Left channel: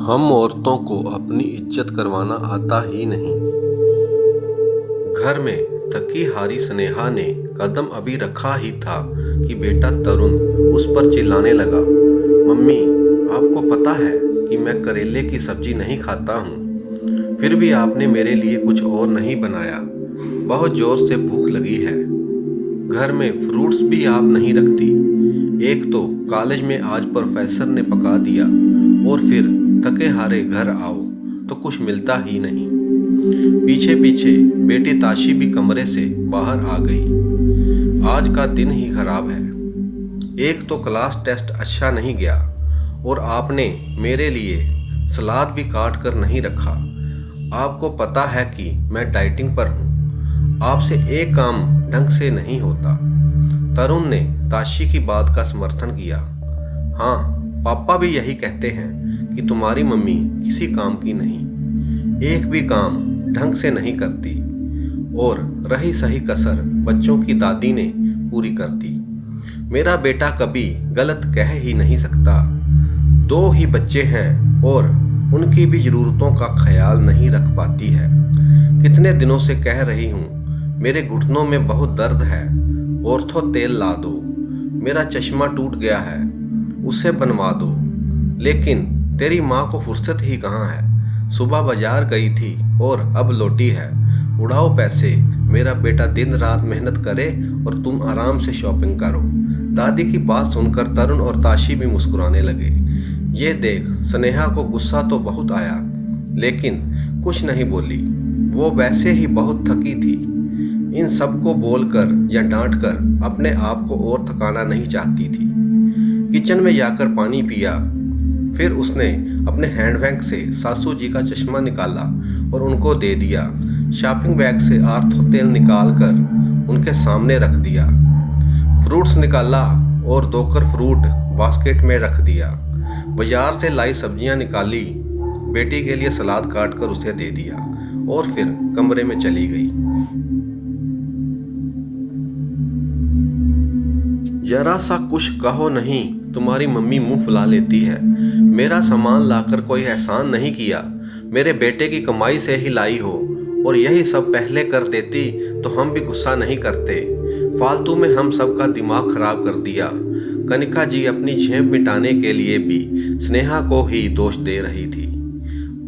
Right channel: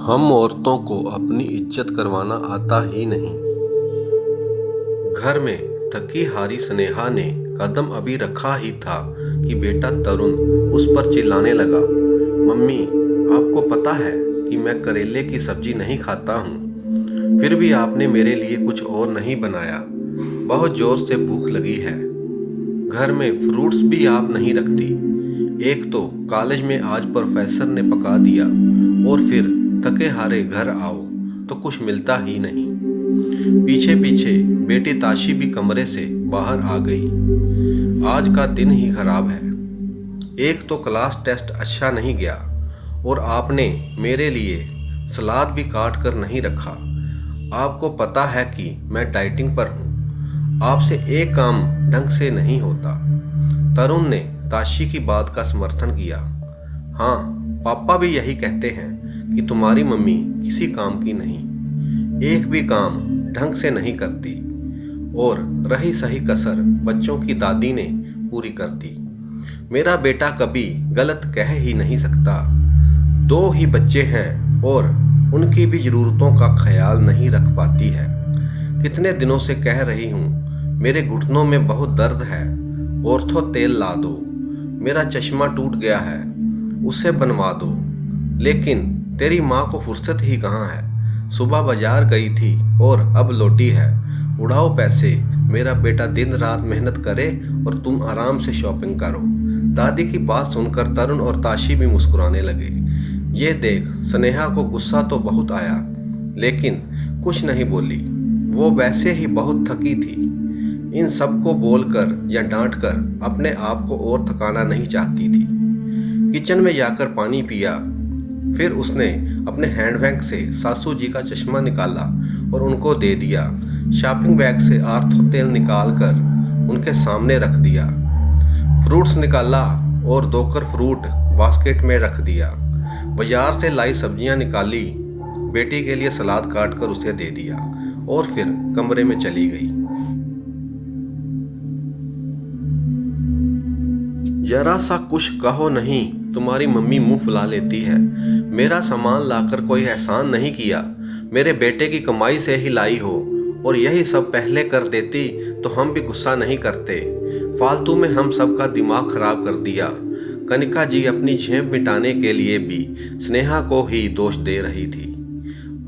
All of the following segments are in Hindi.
हम औरतों को अपनी इज्जत करवाना आता ही नहीं। घर में थकी हारी स्नेहा ने कदम अभी रखा ही था कि बेटा तरुण उस पर चिल्लाने लगा, मम्मी आपको पता है कि मैं करेले की सब्जी नहीं खाता हूँ, फिर भी आपने मेरे लिए कुछ और नहीं बनाया। बहुत जोर से भूख लगी है। घर में फ्रूट्स भी आप नहीं रखती। एक तो कॉलेज में आज प्रोफेसर ने पका दिया और फिर थके हारे घर आओ तो कुछ मिलता ही नहीं। पीछे पीछे बेटी ताशी भी कमरे से बाहर आ गई। आज का दिन ही खराब है। एक तो क्लास टेस्ट अच्छा नहीं गया और आपने मेरे लिए सलाद भी काट कर नहीं रखा। आपको पता है कि मैं डाइटिंग पर हूँ। आपसे एक काम ढंग से नहीं होता। तरुण ने ताशी की बात का समर्थन किया। हाँ, पापा भी यही कहते हैं कि तुम्हारी मम्मी किसी काम की नहीं, एक भी काम ढंग से नहीं करती और रही सही कसर बच्चों की दादी ने पूरी कर दी। मेरा बेटा कभी गलत कह ही नहीं सकता। दो ही बच्चे हैं और उनकी भी जरूरतों का ख्याल नहीं रख पाती है। कितने दिनों से कह रही हूँ, मेरे घुटनों में बहुत दर्द है, ऑर्थो तेल ला दो। मेरा चश्मा टूट गया है, उसे बनवा दो। लेकिन तेरी माँ को फुर्सत ही कहाँ है। सुबह बाजार गई थी और अब लौटी है। उड़ाओ पैसे। मेरा बेटा दिन रात मेहनत करे और तुम आराम से शॉपिंग करो। दादी की बात सुनकर तरुण और ताशी भी मुस्कुराने लगे। ये देख स्नेहा को गुस्सा तो बहुत आया, लेकिन कुछ नहीं बोली। वो वैसे ही बहुत थकी थी। इन सबको बोलकर या डांटकर अपने आप को और थकाना नहीं चाहती थी। किचन में जाकर पानी पिया। फिर उसने अपने हैंडबैग से सासू जी का चश्मा निकाला और उनको दे दिया। शॉपिंग बैग से आर्थो तेल निकालकर उनके सामने रख दिया। फ्रूट्स निकाला और धोकर फ्रूट बास्केट में रख दिया। बाजार से लाई सब्जियां निकाली, बेटी के लिए सलाद काट कर उसे दे दिया और फिर कमरे में चली गई। जरा सा कुछ कहो नहीं, तुम्हारी मम्मी मुंह फुला लेती है। मेरा सामान लाकर कोई एहसान नहीं किया। मेरे बेटे की कमाई से ही लाई हो और यही सब पहले कर देती तो हम भी गुस्सा नहीं करते। फालतू में हम सबका दिमाग खराब कर दिया। कनिका जी अपनी झेप मिटाने के लिए भी स्नेहा को ही दोष दे रही थी।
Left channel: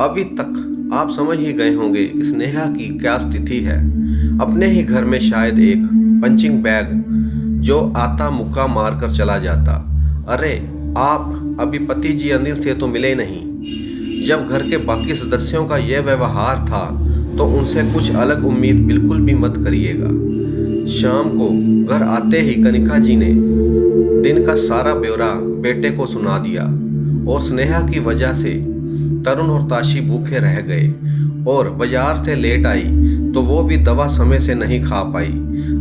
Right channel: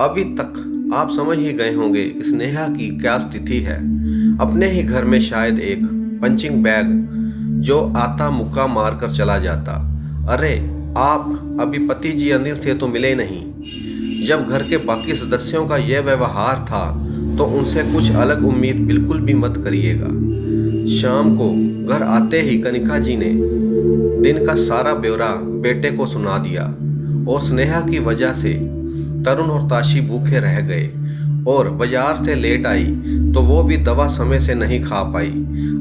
अभी तक आप समझ ही गए होंगे कि स्नेहा की क्या स्थिति है। अपने ही घर में शायद एक पंचिंग बैग जो आता मुक्का मार कर चला जाता। अरे आप अभी पति जी अनिल से तो मिले नहीं। जब घर के बाकी सदस्यों का यह व्यवहार था तो उनसे कुछ अलग उम्मीद बिल्कुल भी मत करिएगा। शाम को घर आते ही कनिका जी ने दिन का सारा ब्यौरा बेटे को सुना दिया और स्नेहा की वजह से तरुण और ताशी भूखे रह गए और बाजार से लेट आई तो वो भी दवा समय से नहीं खा पाई।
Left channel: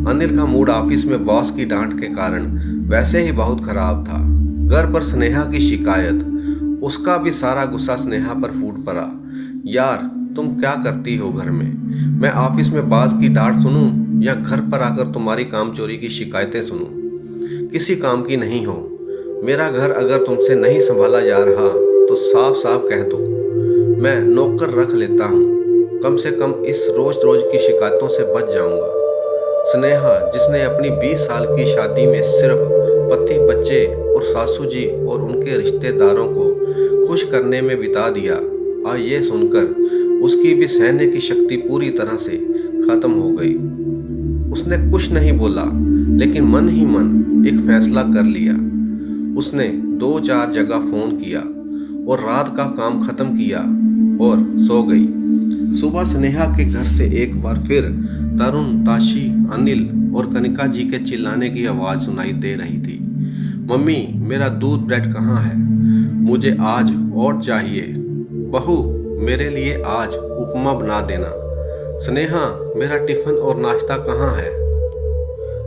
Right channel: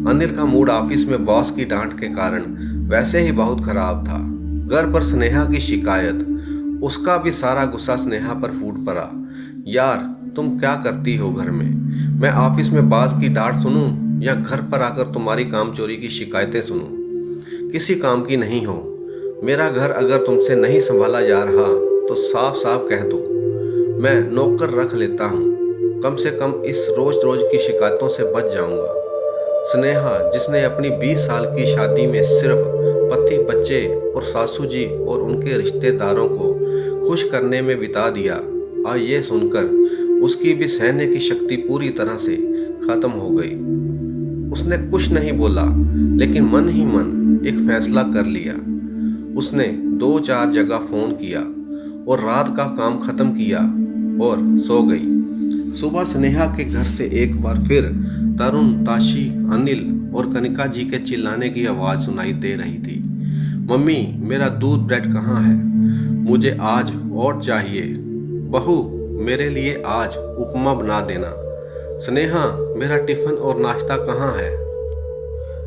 अनिल का मूड ऑफिस में बॉस की डांट के कारण वैसे ही बहुत खराब था। घर पर स्नेहा की शिकायत, उसका भी सारा गुस्सा स्नेहा पर फूट पड़ा। यार तुम क्या करती हो घर में? मैं ऑफिस में बॉस की डांट सुनूं या घर पर आकर तुम्हारी कामचोरी की शिकायतें सुनूं? किसी काम की नहीं हो। मेरा घर अगर तुमसे नहीं संभाला जा रहा तो साफ साफ कह दो, मैं नौकर रख लेता हूँ। कम से कम इस रोज रोज की शिकायतों से बच जाऊंगा। स्नेहा जिसने अपनी 20 साल की शादी में सिर्फ पति, बच्चे और सासू जी और उनके रिश्तेदारों को खुश करने में बिता दिया, आज ये सुनकर उसकी भी सहने की शक्ति पूरी तरह से खत्म हो गई। उसने कुछ नहीं बोला, लेकिन मन ही मन एक फैसला कर लिया। उसने 2-4 जगह फोन किया और रात का काम खत्म किया और सो गई। सुबह स्नेहा के घर से एक बार फिर तरुण, ताशी, अनिल और कनिका जी के चिल्लाने की आवाज सुनाई दे रही थी। मम्मी मेरा दूध ब्रेड कहाँ है? मुझे आज और चाहिए। बहू मेरे लिए आज उपमा बना देना। स्नेहा मेरा टिफिन और नाश्ता कहाँ है?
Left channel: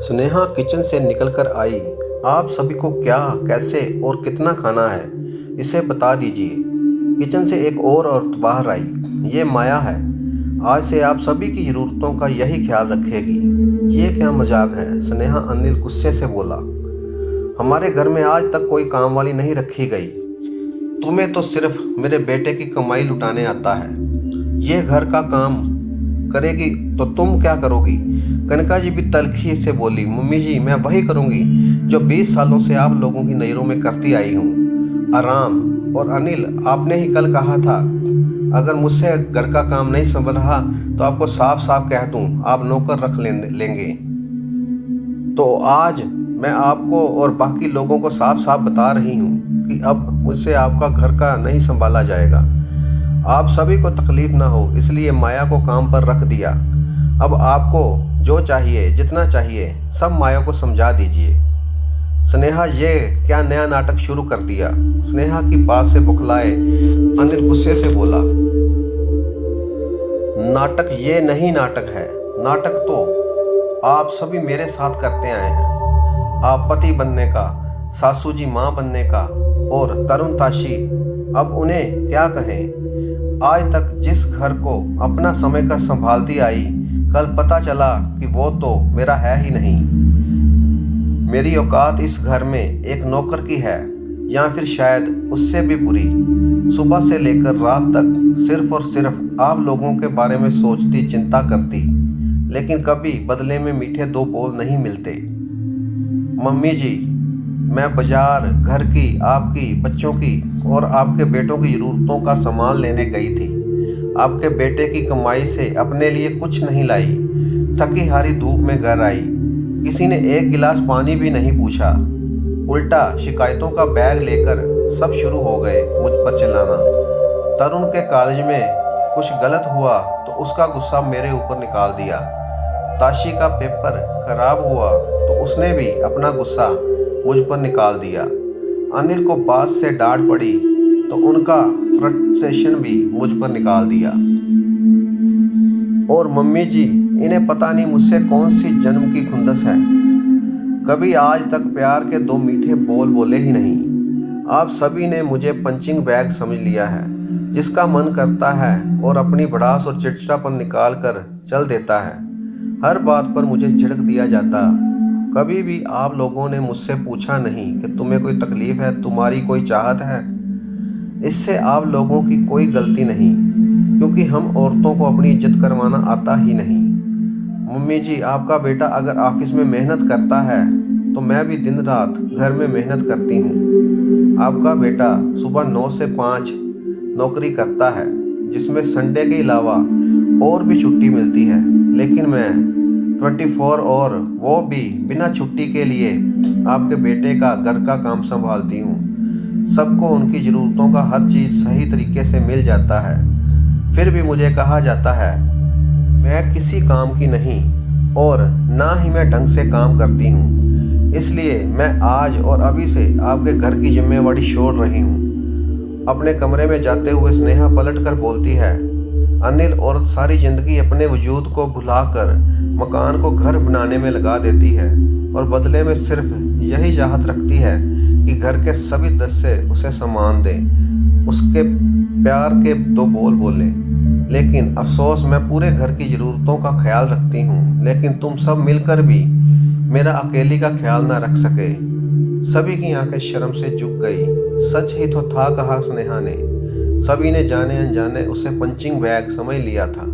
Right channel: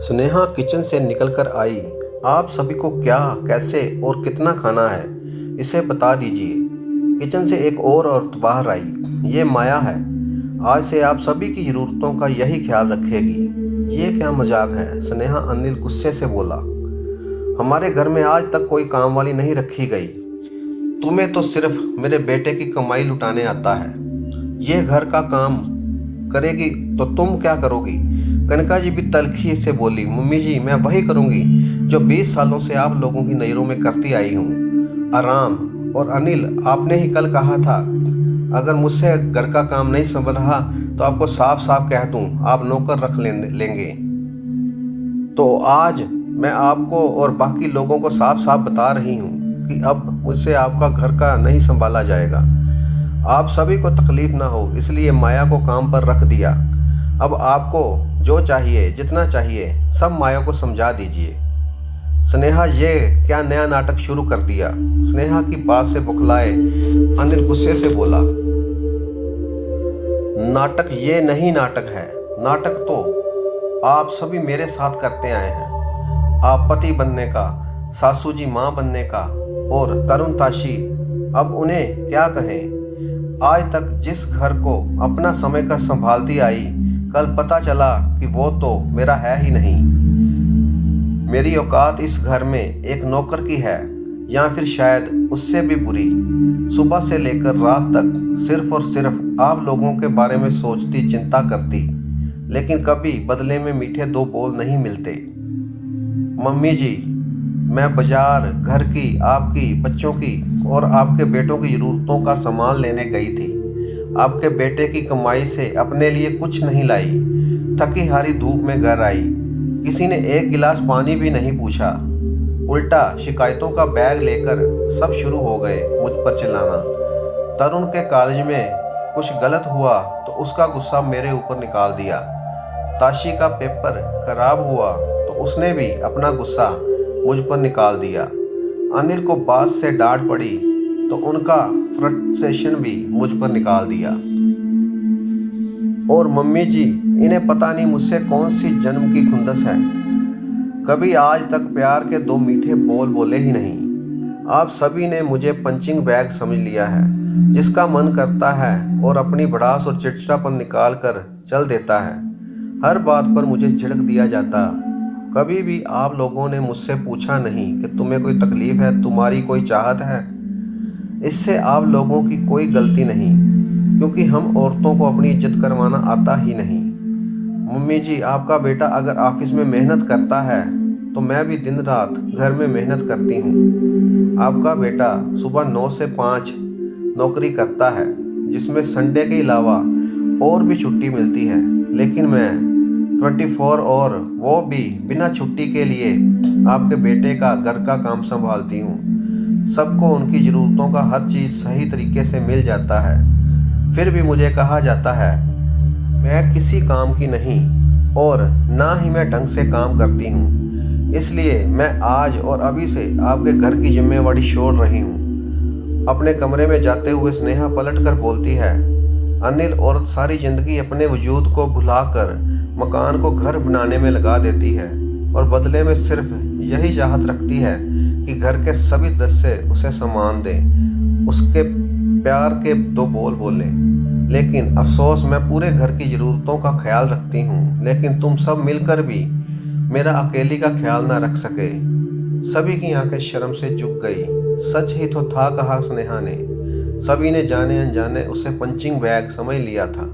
स्नेहा किचन से निकलकर आई। आप सभी को क्या, कैसे और कितना खाना है इसे बता दीजिए। किचन से एक और औरत बाहर आई। ये माया है, आज से आप सभी की ज़रूरतों का यही ख्याल रखेगी। ये क्या मजाक है? स्नेहा अनिल गुस्से से बोला। हमारे घर में आज तक कोई काम वाली नहीं रखी गई। तुम्हें तो सिर्फ मेरे बेटे की कमाई लुटाने आता है। ये घर का काम करेगी तो तुम क्या करोगी? कनका जी भी तल्खी से बोली, मम्मी जी मैं वही करूँगी जो 20 सालों से आप लोगों की नज़रों में करती आई हूँ, आराम। और अनिल, आपने ही कल कहा था अगर मुझसे घर का काम नहीं संभल रहा तो आपको साफ साफ कह दूँ आप नौकर रख लेंगे। तो आज मैं आपको और बाकी लोगों को साफ साफ बता रही हूँ कि अब मुझसे आपका घर का नहीं संभाला जाएगा। आप सभी को तकलीफ ना हो इसलिए माया को काम पर रख दिया। अब आपको जो चाहिए, जितना चाहिए, सब माया को समझा दीजिए। स्नेहा ये क्या नया नाटक शुरू कर दिया? स्नेहा की बात से बुखलाए अनिल गुस्से से बोला, नाटक ये नहीं नाटक है। नाटक तो आप सभी मेरे साथ करते आए हैं। आप पति बनने का, सासू जी माँ बनने का और तरुण ताशी, अब उन्हें क्या कहें। आज तक जिस घर को अपना समय का संभालती आई, कल पता चला कि वो तो मेरा है ही नहीं। मेरी औकात इस घर में एक नौकर की है या फिर शायद उससे भी बुरी। सुबह से लेकर रात तक सिर्फ और सिर्फ आप लोगों के बारे में सोचती, चिंता करती, लेकिन कभी बदले में मीठे दो बोल नहीं मिलते। मम्मी जी, मैं बाजार घर की, आपकी, बच्चों की और आपके बेटों की ज़रूरतों का सामान लेने गई थी। आपके बेटे की कमाई से अपने लिए कुछ नहीं लाई। थकी हारी धूप में घर आई, किसी ने एक गिलास पानी भी नहीं पूछा। उल्टा शिकायतों का बैग लेकर सब शुरू हो गए मुझ पर चिल्लाना। तरुण के कॉलेज में कुछ गलत हुआ तो उसका गुस्सा मेरे ऊपर निकाल दिया। ताशी का पेपर खराब हुआ तो उसने भी अपना गुस्सा मुझ पर निकाल दिया। अनिल को बात से डांट पड़ी तो उनका फ्रस्ट्रेशन भी मुझ पर निकाल दिया। और मम्मी जी, इन्हें पता नहीं मुझसे कौन सी जन्म की खुंदस है। कभी आज तक प्यार के दो मीठे बोल बोले ही नहीं। आप सभी ने मुझे पंचिंग बैग समझ लिया है, जिसका मन करता है और अपनी भड़ास और चिड़चिड़ापन निकाल कर चल देता है। हर बात पर मुझे झिड़क दिया जाता। कभी भी आप लोगों ने मुझसे पूछा नहीं कि तुम्हें कोई तकलीफ है, तुम्हारी कोई चाहत है। इससे आप लोगों की कोई गलती नहीं, क्योंकि हम औरतों को अपनी इज्जत करवाना आता ही नहीं। मम्मी जी, आपका बेटा अगर ऑफिस में मेहनत करता है तो मैं भी दिन रात घर में मेहनत करती हूँ। आपका बेटा सुबह 9 से 5 नौकरी करता है, जिसमें संडे के अलावा और भी छुट्टी मिलती है, लेकिन मैं 24 और वो भी बिना छुट्टी के लिए आपके बेटे का घर का काम संभालती हूँ। सबको उनकी ज़रूरतों का हर चीज़ सही तरीके से मिल जाता है। फिर भी मुझे कहा जाता है मैं किसी काम की नहीं और ना ही मैं ढंग से काम करती हूँ। इसलिए मैं आज और अभी से आपके घर की जिम्मेवारी छोड़ रही हूँ। अपने कमरे में जाते हुए स्नेहा पलट कर बोलती है, अनिल औरत सारी ज़िंदगी अपने वजूद को भुलाकर मकान को घर बनाने में लगा देती है और बदले में सिर्फ यही चाहत रखती है कि घर के सभी सदस्य उसे सम्मान दें, उसके प्यार के दो बोल बोलें। लेकिन अफसोस, मैं पूरे घर की ज़रूरतों का ख्याल रखती हूँ, लेकिन तुम सब मिलकर भी मेरा अकेली का ख्याल ना रख सके। सभी की आंखें शर्म से झुक गई। सच ही तो था कहा स्नेहा ने। सभी ने जाने अनजाने उसे पंचिंग बैग समझ लिया था।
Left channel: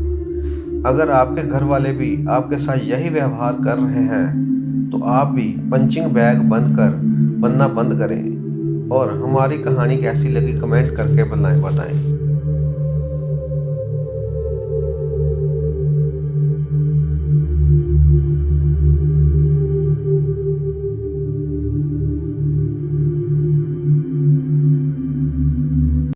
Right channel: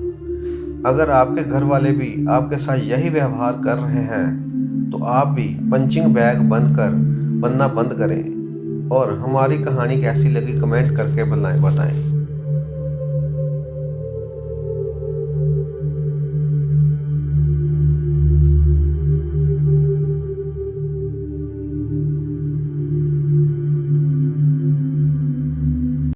अगर आपके घर वाले भी आपके साथ यही व्यवहार कर रहे हैं तो आप भी पंचिंग बैग बनना बंद करें। और हमारी कहानी कैसी लगी कमेंट करके बताएं।